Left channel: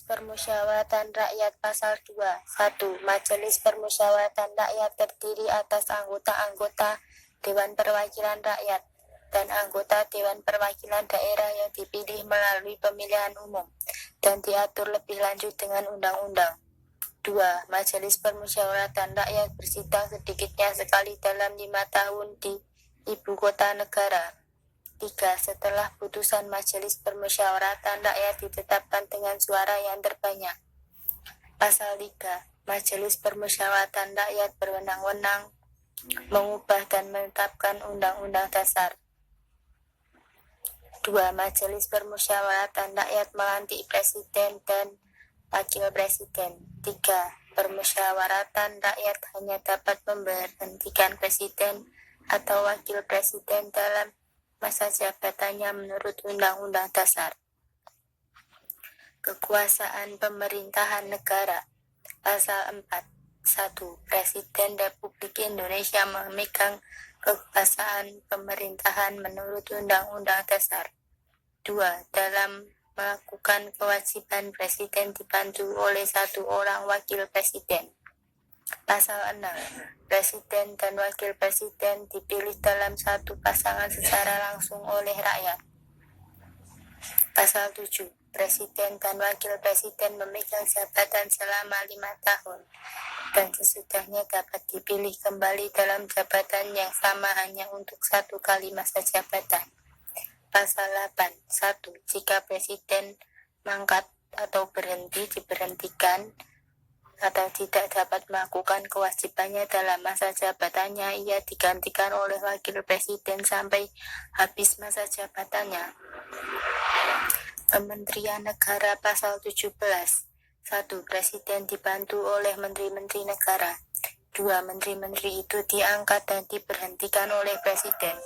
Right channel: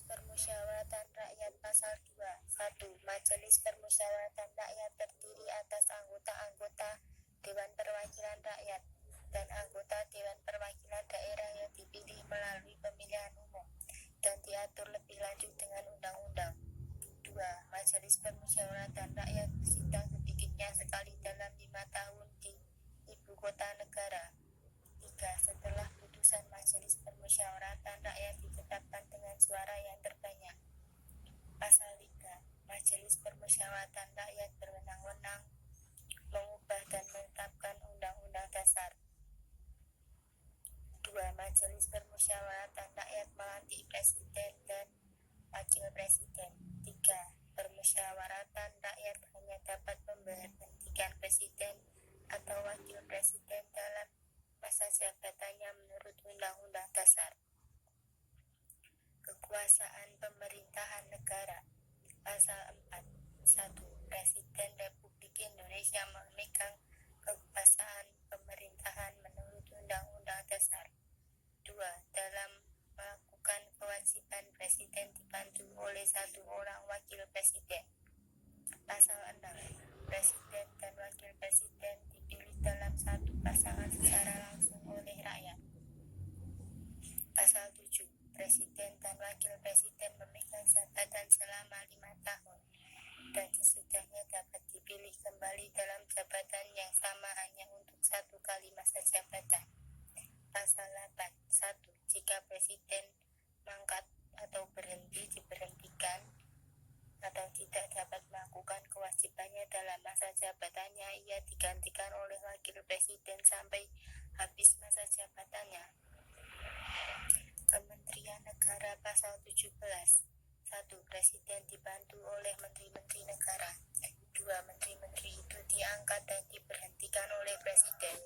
Permusyawaratan Rakyat Pasal 2. 1. Majelis Permusyawaratan Rakyat terdiri atas anggota-anggota Dewan Perwakilan Rakyat dan anggota Dewan Perwakilan Daerah yang dipilih melalui pemilihan umum dan diatur lebih lanjut dengan undang-undang. 2. Majelis Permusyawaratan Rakyat bersidang sedikitnya sekali dalam 5 tahun di Ibu Kota Negara. 3. Setelah putusan Majelis Permusyawaratan Rakyat ditetapkan dengan suara yang terbanyak. Pasal 3. Majelis Permusyawaratan Rakyat berwenang-wenang mengubah dan menetapkan Undang-Undang Dasar. 2. Majelis Permusyawaratan Rakyat melantik Presiden dan Wakil Presiden. 3. Permusyawaratan Rakyat hanya dapat memberhentikan Presiden atau Wakil Presiden dalam masa jabatannya menurut Undang-Undang Dasar. Kekuasaan Pemerintahan Negara. Pasal 4. 1. Presiden Republik Indonesia memegang kekuasaan pemerintahan menurut Undang-Undang Dasar. 2. Dalam melakukan kewajiban Presiden dibantu oleh 1 orang Wakil Presiden. Pasal 6. Presiden dan Wakil Presiden dipilih dalam satu pasangan secara langsung oleh rakyat. Pasal 7. Presiden dan Wakil Presiden memegang jabatan selama 5 tahun dan sesudahnya dapat dipilih kembali dalam jabatan yang sama hanya untuk 1 kali masa jabatan. Pasal 8. 1. Jika Presiden mangkat atau diberhentikan atau tidak dapat melakukan kewajibannya dalam masa jabatannya, ia digantikan oleh Wakil Presiden sampai habis masa jabatannya. Kementerian Negara. Pasal 17. 1. Presiden dibantu oleh Menteri-Menteri Negara. 2. Menteri-menteri itu diangkat dan diberhentikan oleh Presiden.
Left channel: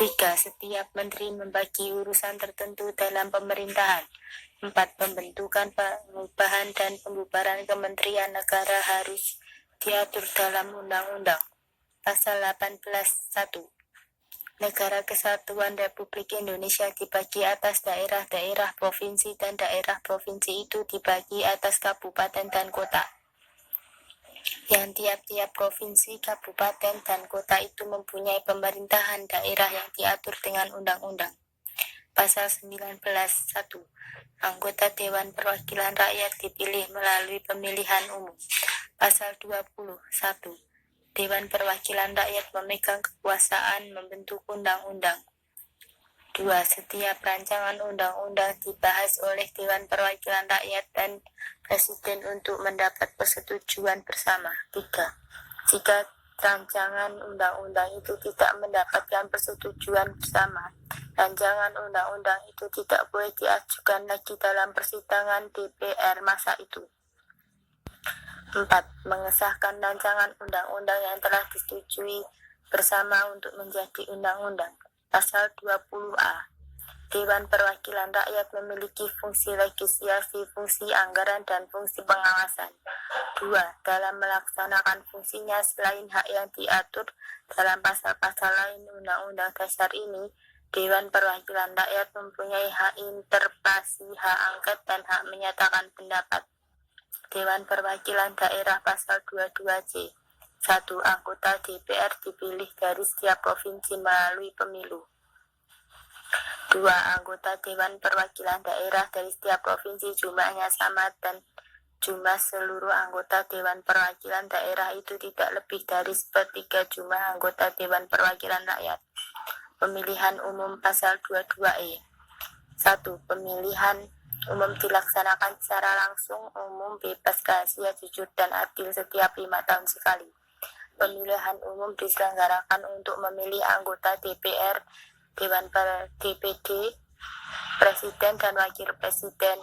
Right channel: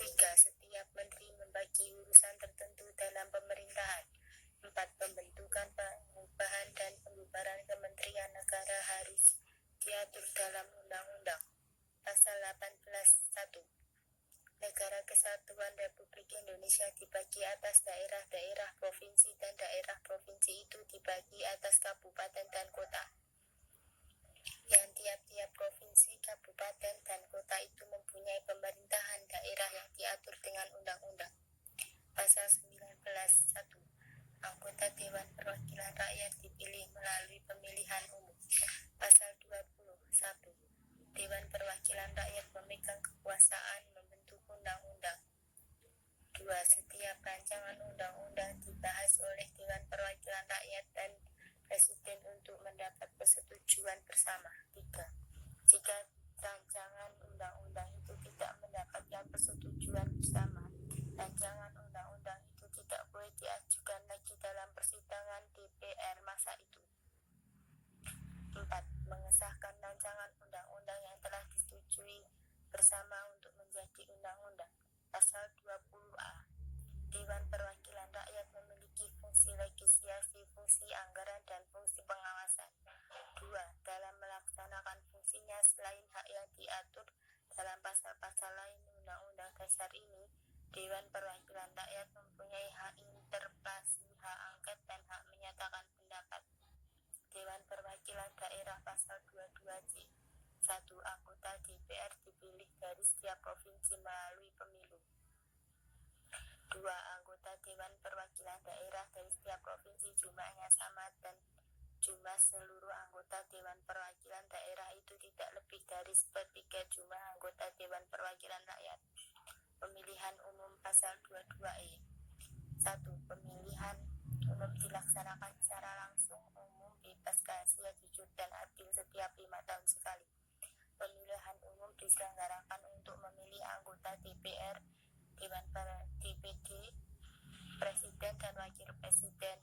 3. Setiap menteri membagi urusan tertentu dalam pemerintahan. 4. Pembentukan, pengubahan, dan pembubaran Kementerian Negara harus diatur dalam undang-undang. Pasal 18. 1. Negara Kesatuan Republik Indonesia dibagi atas daerah-daerah provinsi dan daerah provinsi itu dibagi atas kabupaten dan kota. Yang tiap-tiap provinsi, kabupaten, dan kota itu mempunyai pemerintahan daerah yang diatur dengan undang-undang. Pasal 19. 1. Anggota Dewan Perwakilan Rakyat dipilih melalui pemilihan umum. Pasal 20. 1. Dewan Perwakilan Rakyat memegang kekuasaan membentuk undang-undang. 2. Setiap rancangan undang-undang dibahas oleh Dewan Perwakilan Rakyat dan Presiden untuk mendapat persetujuan bersama. 3. Jika rancangan undang-undang itu tidak mendapatkan persetujuan bersama, rancangan undang-undang itu tidak boleh diajukan lagi dalam persidangan DPR masa itu. 4. Mengesahkan rancangan undang-undang yang telah disetujui bersama untuk menjadi undang-undang. Pasal 20A. Dewan Perwakilan Rakyat memiliki fungsi legislasi, fungsi anggaran, dan fungsi pengawasan. 2. Dalam melaksanakan fungsinya selain hak yang diatur dalam pasal-pasal lain Undang-Undang Dasar ini, Dewan Perwakilan Rakyat mempunyai hak interpelasi, hak angket, dan hak menyatakan pendapat. Dewan Perwakilan Daerah. Pasal 22C. 1. Anggota DPR dipilih dari setiap provinsi melalui pemilu. 2. Anggota Dewan Perwakilan Daerah dari setiap provinsi jumlahnya sama dan jumlah seluruh anggota Dewan Perwakilan Daerah itu tidak lebih dari 1/3 jumlah anggota Dewan Perwakilan Rakyat. Pemilihan umum. Pasal 22E. 1. Pemilihan umum dilaksanakan secara langsung, umum, bebas, rahasia, jujur, dan adil setiap 5 tahun sekali. Pemilihan umum diselenggarakan untuk memilih anggota DPR, Dewan DPD, Presiden dan Wakil Presiden,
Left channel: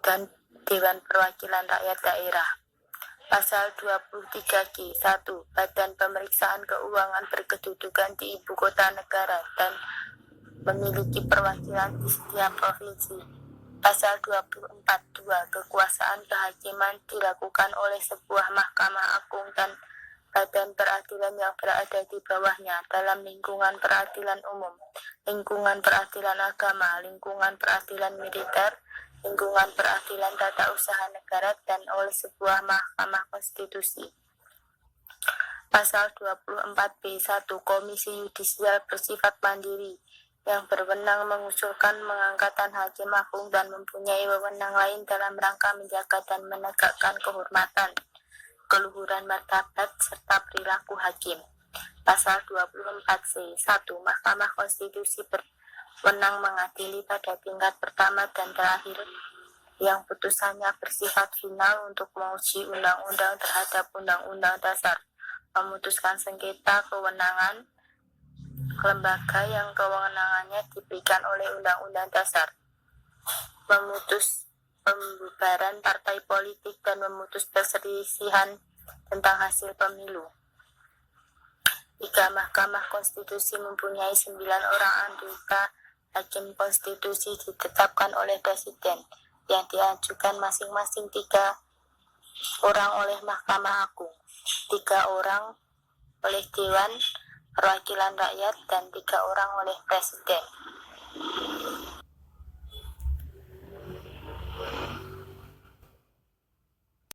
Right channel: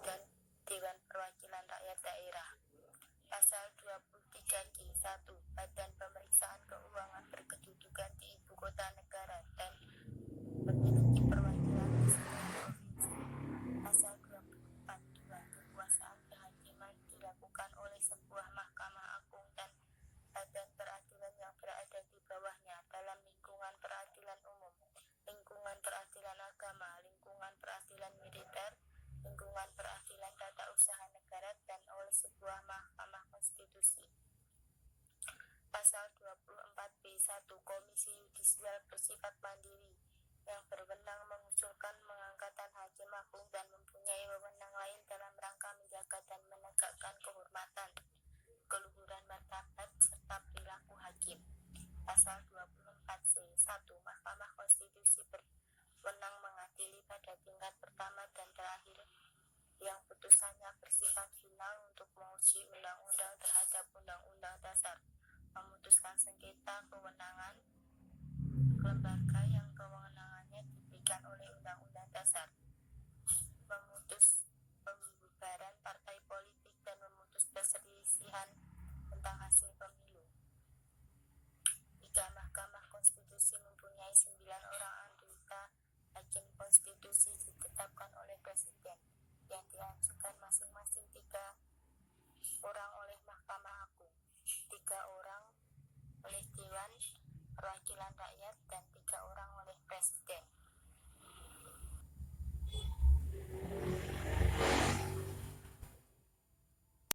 dan Dewan Perwakilan Rakyat Daerah. Pasal 23G. 1. Badan Pemeriksaan Keuangan berkedudukan di Ibu Kota Negara dan memiliki perwakilan di setiap provinsi. Pasal 24. 2. Kekuasaan kehakiman dilakukan oleh sebuah Mahkamah Agung dan badan peradilan yang berada di bawahnya dalam lingkungan peradilan umum, lingkungan peradilan agama, lingkungan peradilan militer, lingkungan peradilan tata usaha negara dan oleh sebuah mahkamah konstitusi. Pasal 24B1 Komisi Yudisial bersifat mandiri yang berwenang mengusulkan pengangkatan hakim agung dan mempunyai wewenang lain dalam rangka menjaga dan menegakkan kehormatan, keluhuran martabat, serta perilaku hakim. Pasal 24C 1 Mahkamah Konstitusi berwenang mengadili pada tingkat pertama dan terakhir yang putusannya bersifat final untuk menguji undang-undang terhadap undang-undang dasar, memutuskan sengketa kewenangan lembaga yang kewenangannya diberikan oleh undang-undang dasar, memutus pembubaran partai politik dan memutus perselisihan tentang hasil pemilu. 3. Mahkamah Konstitusi mempunyai 9 orang anggota hakim konstitusi ditetapkan oleh Presiden yang diajukan masing-masing 3 orang oleh Mahkamah Agung, 3 orang oleh Dewan Perwakilan Rakyat, dan 3 orang oleh Presiden.